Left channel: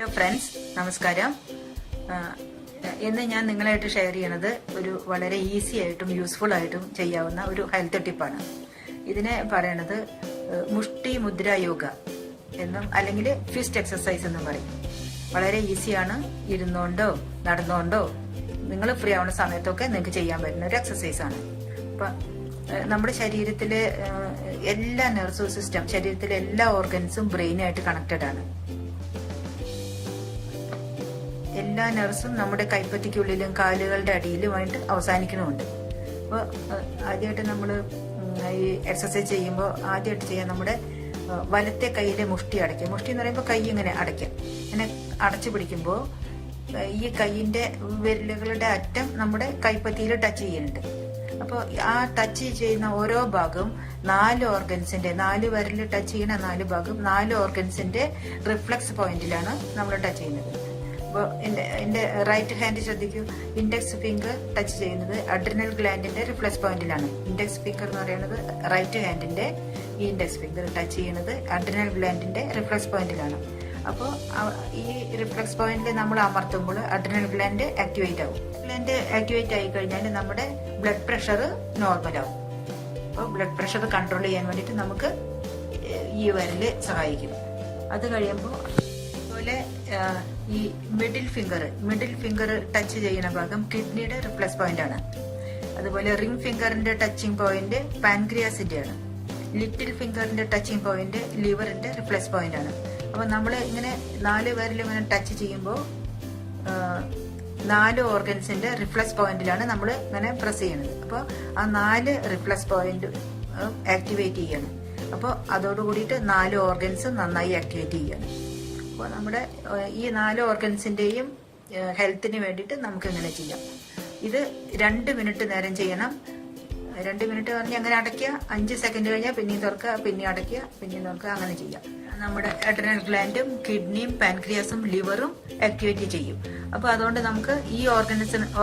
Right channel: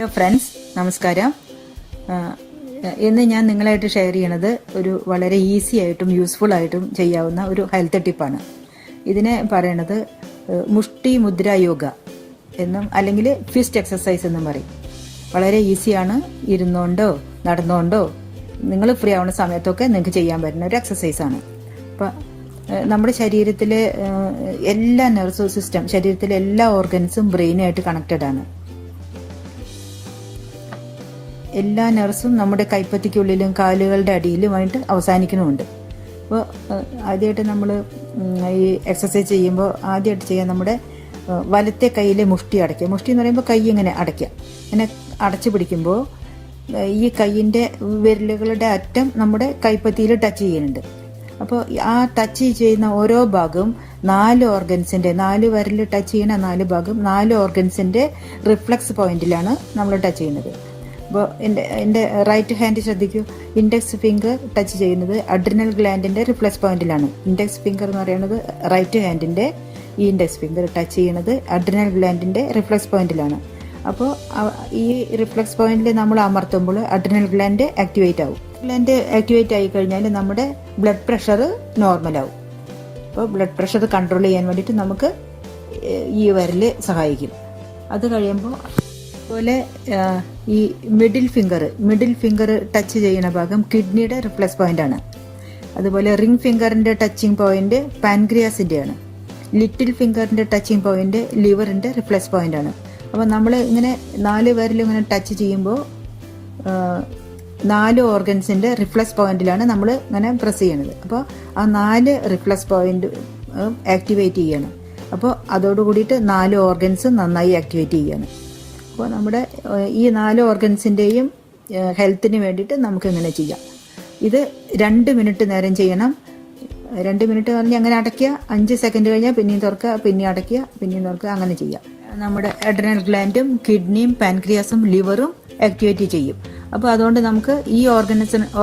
Hello friends, നമസ്കാരം. ഇന്ന് ഞാൻ നിങ്ങളായിട്ട് ഷെയർ ചെയ്യണത് ഒരു വളരെ ഈസി ആയിട്ടും യൂസ്ഫുൾ ആയിട്ടും ചെയ്യാവുന്ന ഒരു ഹെൽത്ത് ടിപ്പാണ്. ഇതിനെ പറയണത് മുഷ്ടി മുദ്ര യോഗ എന്നും അല്ലെങ്കിൽ ഫിസ്റ്റ് എക്സസൈസ് എന്നും പറയും. വളരെ ഈസിയാണ്. ഇരുന്നുകൊണ്ടോ നടന്നുകൊണ്ടോ നിങ്ങൾ ഫ്രീ ആവുന്ന സമയത്തൊക്കെ നിങ്ങൾക്ക് ചെയ്യാൻ പറ്റുന്ന ഒരു എക്സസൈസാണ്. അപ്പം നമ്മുടെ ശരീരത്തിലെ എല്ലാ നെർവസ് സിസ്റ്റം, ശരീരത്തിലെ എല്ലാ ഓർഗൻസും ബ്രെയിനുമായിട്ട് കണക്റ്റഡ് ആണ്. എല്ലാ നെർവ്സും നമ്മുടെ കൈപ്പത്തിക്കുള്ളിലും കാലുകളുടെ അടിയിലുമായിട്ട് അവസാനിക്കുന്നുമുണ്ട്. അപ്പോൾ ആദ്യമായിട്ട് നമ്മൾ ഈ എക്സസൈസ് ചെയ്യുമ്പോൾ ആദ്യമായിട്ട് ചെയ്യാൻ നമ്മുടെ വലത്തെ കൈയിലെ മുഷ്ടി അടയ്ക്കുക. മുഷ്ടി എന്ന് പറയുമ്പോൾ കൈ ഇങ്ങനെ അടയ്ക്കുക. ഇങ്ങനെ അടച്ചു പിടിക്കുമ്പോൾ ഈ കൈയിൻ്റെ വിരലുകളുടെ അറ്റം നമ്മുടെ കൈപ്പത്തിയിൽ ടച്ച് ചെയ്യുന്നുണ്ട്. അപ്പോൾ ആ ടച്ച് ചെയ്യുന്ന ഓരോ ഭാഗവും 4 ഓർഗൻസിൻ്റെ 4 വിരൽ ടച്ച് ചെയ്യുന്ന 4 ഭാഗം 4 ഓർഗൻസിൻ്റെ റിഫ്ലക്സ് പോയിന്റിലാണ് നമ്മൾ ടച്ച് ചെയ്യുന്നത്. അപ്പോൾ എൻ്റെ റൈറ്റ് ഹാൻഡ് ശ്രദ്ധിക്കൂ. ഇൻഡെക്സ് ഫിംഗർ ടച്ച് ചെയ്യുന്നത് അഡ്രിനൽ ഗ്ലാൻഡിൻ്റെ റിഫ്ലക്സ് പോയിന്റിലാണ്. ഇൻഡെക്സ് ഫിംഗർ എന്ന് പറയുന്നത് റൈറ്റ് ഹാൻഡിൻ്റെ ഈ ഇൻഡെക്സ് ഫിംഗർ ടച്ച് ചെയ്യുന്നത് അഡ്രിനൽ ഗ്ലാൻഡിൻ്റെ റിഫ്ലക്സ് പോയിന്റിലാണ്. അപ്പോൾ ഈ റിഫ്ലക്സ് പോയിന്റിൽ നമ്മൾ അമർത്തുമ്പോൾ അഡ്രിനൽ ഗ്ലാൻഡ് ആക്ടിവേറ്റ് ആവും. ഗ്ലാൻഡ് ആക്ടിവേറ്റ് ആയി കഴിഞ്ഞാൽ നമ്മുടെ ബ്ലഡ് പ്രഷർ നോർമലാവും. അപ്പോൾ ബ്ലഡ് പ്രഷർ കൺട്രോൾ ചെയ്യാൻ വേണ്ടിയിട്ട് നമുക്ക് ഈ വിരൽ സഹായിക്കും. അത് കഴിയുമ്പോൾ അതുപോലെ ഈ മിഡിൽ ഫിംഗർ ടച്ച് ചെയ്യുന്ന ഭാഗം കിഡ്നിയുടെ റിഫ്ലക്സ് പോയിന്റ് ആണ്. അതുപോലെ റിംഗ് ഫിംഗറിന്റെ ടച്ചിങ് പോയിന്റ് പാൻക്രിയാസിന്റെ ആണ്. ലിറ്റിൽ ഫിംഗറിന്റെ ടച്ചിങ് പോയിന്റ് ലിവറിന്റെ റിഫ്ലക്സ് പോയിന്റ് ആണ്. അപ്പോൾ നമ്മൾ ഇങ്ങനെ 4 പേരിലും ഇങ്ങനെ ടച്ച് ചെയ്യുമ്പോൾ 4 ഓർഗൻസിന്റെ റിഫ്ലക്സ് പോയിന്റിലാണ് നമ്മൾ ഇങ്ങനെ പ്രസ് ചെയ്യുന്നത്. അപ്പോൾ ആ 4 റിഫ്ലക്സ് പോയിന്റ് ആക്ടിവേറ്റ് ചെയ്യണം. അപ്പോൾ അതോടുകൂടിയിട്ട് 4 ഓർഗൻസും നന്നായി ആക്ടിവേറ്റ് ചെയ്യണം. അപ്പോൾ നമ്മുടെ ഈ 4 ഓർഗൻസിൻ്റെയും ഹെൽത്തിന് വേണ്ടിയിട്ട് നമുക്ക് ഇങ്ങനെ ചെയ്യാം. ഇത് 2 മിനിറ്റ് നേരം ചെയ്യണം. 2 മിനിറ്റ് പറഞ്ഞ് അങ്ങനെ അടയ്ക്കുക. 5 സെക്കൻഡ് കഴിഞ്ഞാൽ പിന്നെയും തുറക്കുക, പിന്നെ അടയ്ക്കുക, പിന്നെയും തുറക്കുക, അങ്ങനെ ചെയ്യാം. നമ്മുടെ അഡ്രിനൽ ഗ്ലാൻഡും കിഡ്നിയും പാൻക്രിയാസും ലിവറും ആക്ടിവേറ്റ് ചെയ്യും. അപ്പോൾ അതുകൊണ്ട് നമുക്ക് ഈ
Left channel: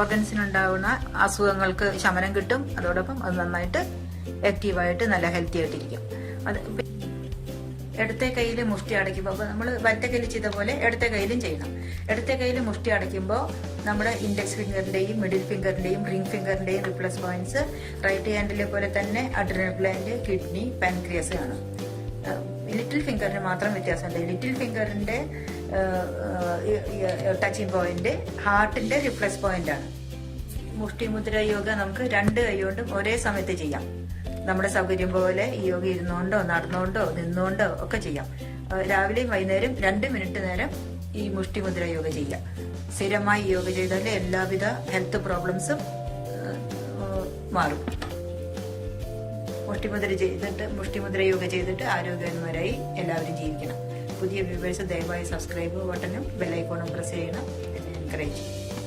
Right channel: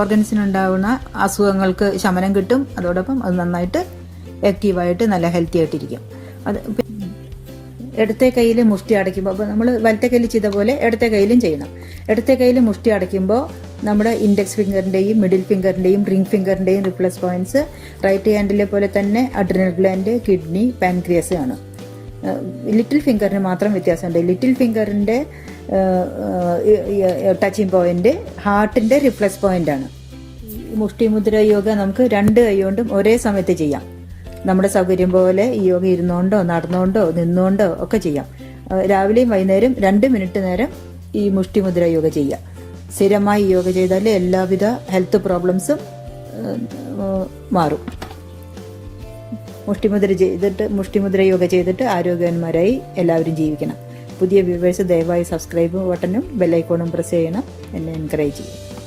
ഓർഗൻസിനുണ്ടാകുന്ന അസുഖങ്ങൾക്ക് ശമനം കിട്ടും. അതോടൊപ്പം അത് നന്നായിട്ട് ആക്റ്റീവായിട്ട് നല്ല ഹെൽത്തി ആയിട്ടിരിക്കും. അത് ഇടത്തെ കയ്യിൽ മുഷ്ടി അടയ്ക്കുമ്പോൾ, അപ്പോൾ നമ്മൾ വലത്തെ കയ്യിൽ ചെയ്ത പോലെ ഇടത്തെ കയ്യിലും ചെയ്യണം. ഇടത്തെ കയ്യിൽ മുഷ്ടി അടയ്ക്കുമ്പോൾ നമ്മുടെ ഇൻഡെക്സ് ഫിംഗറിൻ്റെയും മിഡിൽ ഫിംഗറിൻ്റെയും റിംഗ് ഫിംഗറിൻ്റെയും റിഫ്ലക്സ് പോയിന്റ്സ് റൈറ്റ് ഹാൻഡിലെ പോലെ തന്നെ അഡ്രിനൽ ഗ്ലാൻഡ്, കിഡ്നി, പാൻക്രിയാസ് ആണ്. ലിറ്റിൽ ഫിംഗറിന് മാത്രം വ്യത്യാസമുണ്ട്. ലിറ്റിൽ ഫിംഗറിൻ്റെ ടച്ചിങ് പോയിന്റ് ഹാർട്ടിൻ്റെ റിഫ്ലക്സ് പോയിന്റ് ആണ്. മുഷ്ടി മുദ്ര യോഗ നമുക്ക് 2 കൈ കൊണ്ടും ഒരേ സമയത്ത് ചെയ്യാം. നമ്മുടെ സൗകര്യം പോലെ ഈ യോഗ ഇരുന്നുകൊണ്ടോ നടന്നുകൊണ്ടോ നിന്നുകൊണ്ടോ ഒക്കെ ചെയ്യാം. രാവിലെയും വൈകുന്നേരം 2 മിനിറ്റ് നേരം ഈ മുഷ്ടി മുദ്ര യോഗ ചെയ്യാം. സ്ഥിരമായി യോഗ ചെയ്താൽ എല്ലാവിധ ഹെൽത്ത് പ്രോബ്ലംസും മാറും. മുഷ്ടിമുദ്ര യോഗ ചെയ്തിട്ട് ആരോഗ്യവാന്മാരായി എല്ലാവരും ജീവിക്കണം. പുതിയ വ്യൂവേഴ്സ് ദയവായി സബ്സ്ക്രൈബ് ബട്ടണും ബെല്ലൈക്കോണും പ്രസ് ചെയ്യണം. എന്നെ എൻകറേജ് ചെയ്യും.